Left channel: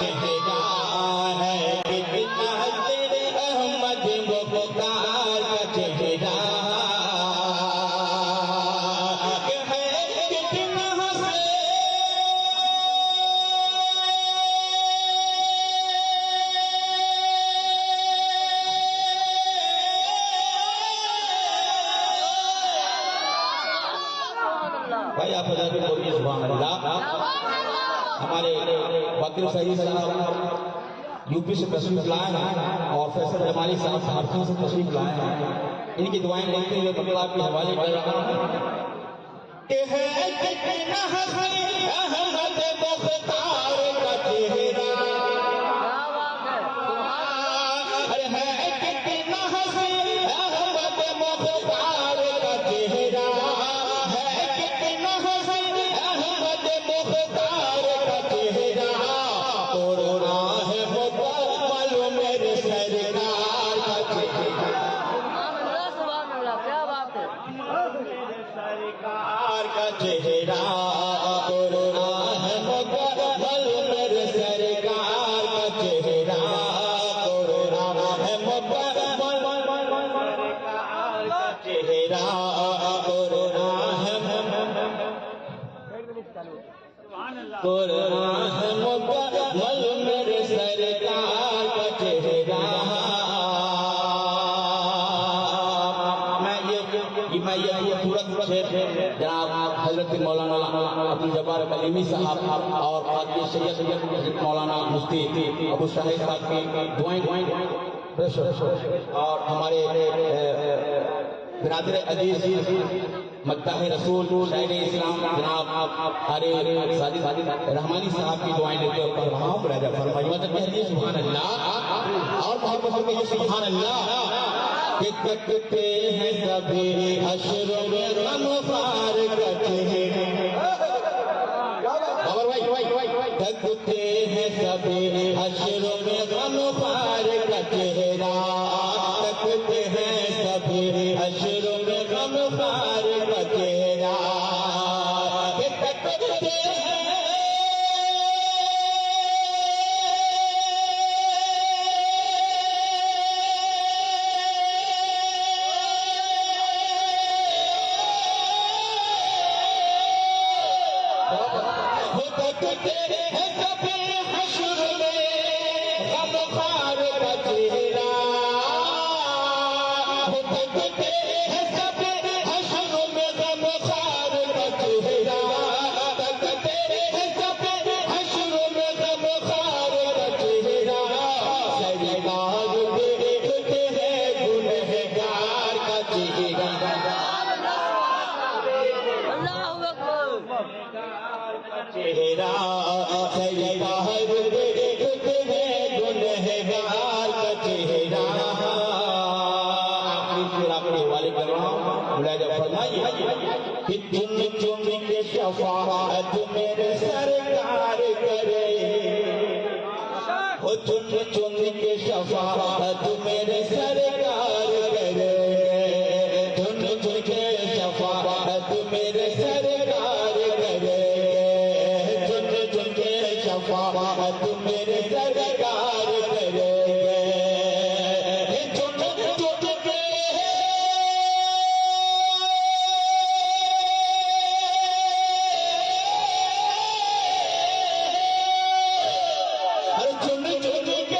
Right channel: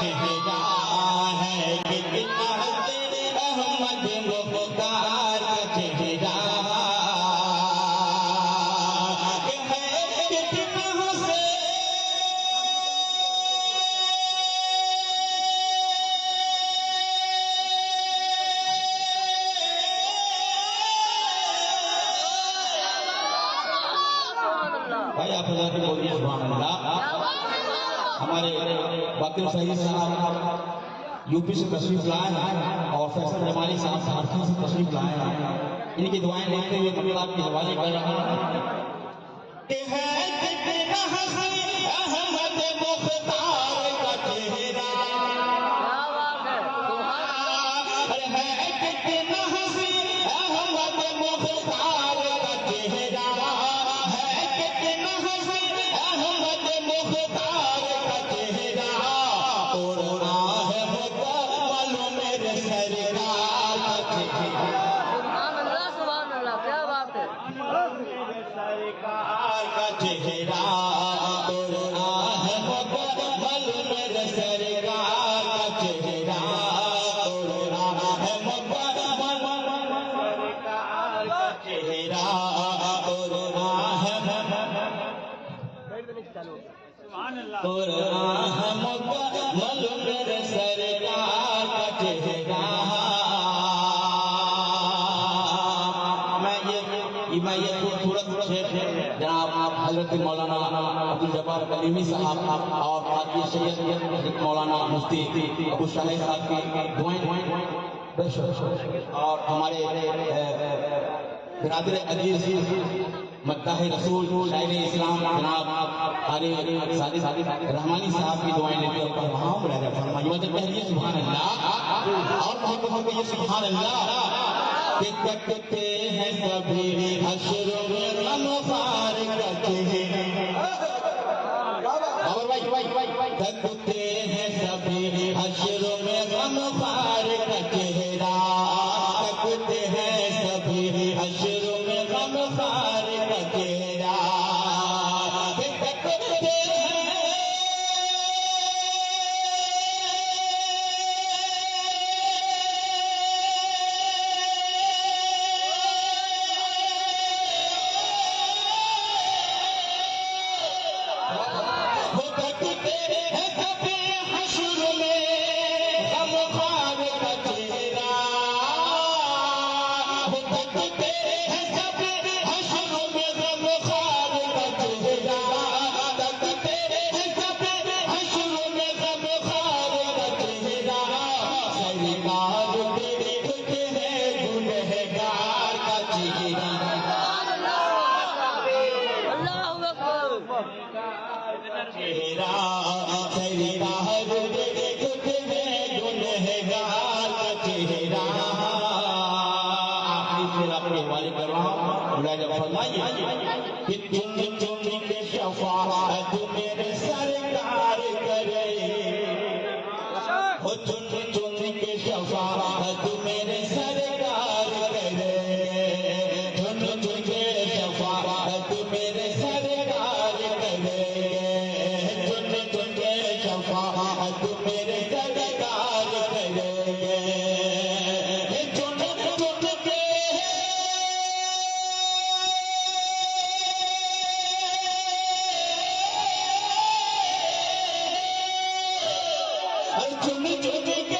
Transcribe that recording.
چہرہ ہے کتنا تیرے احمد مختار کا چہرہ بھائی آپ اللہ بولیے سبحان اللہ. ہمارے وکیل سعید صاحب یو پی سے تشریف لائے ہیں اور فیصل جمالی صاحب سہارنپور سے تشریف لائے ہیں. ان کی دعائیں دیکھتے ہوئے مطلب آپ کے حوالے کر رہا ہوں. سرکار کا چہرہ توڑنا ہے مکمل میرے سرکار کا چہرہ توڑنا ہے مکمل سرکار کا چہرہ توڑنا ہے مکمل میرے سرکار کا چہرہ. میں یہ خوبصورت جناب حضرت مولانا عبدالجبار کلیمی صاحب اور باقی سید مولانا مفتی ابو شاہد صاحب کی دعائیں اور ہمارے برادر عزیز مداح رسول شاعر اسلام جناب حارث ساجد رحمانی صاحب کی دعائیں لیتے اور پڑھ رہا ہوں. برادر فرمائیے کہیے سبحان اللہ اور بہت بہت کہیے سبحان اللہ. کٹتے ہیں سبھی حشر میں غمخوار کا چہرہ کٹتے ہیں سبھی حشر میں غمخوار کا چہرہ کٹتے ہیں سبھی حشر میں غمخوار کا چہرہ شفاعت میرے سرکار کرے چن کے شفاعت میرے سرکار کرے چن کے شفاعت میرے سرکار کرے چن کے شفاعت میرے سرکار کرے چن کے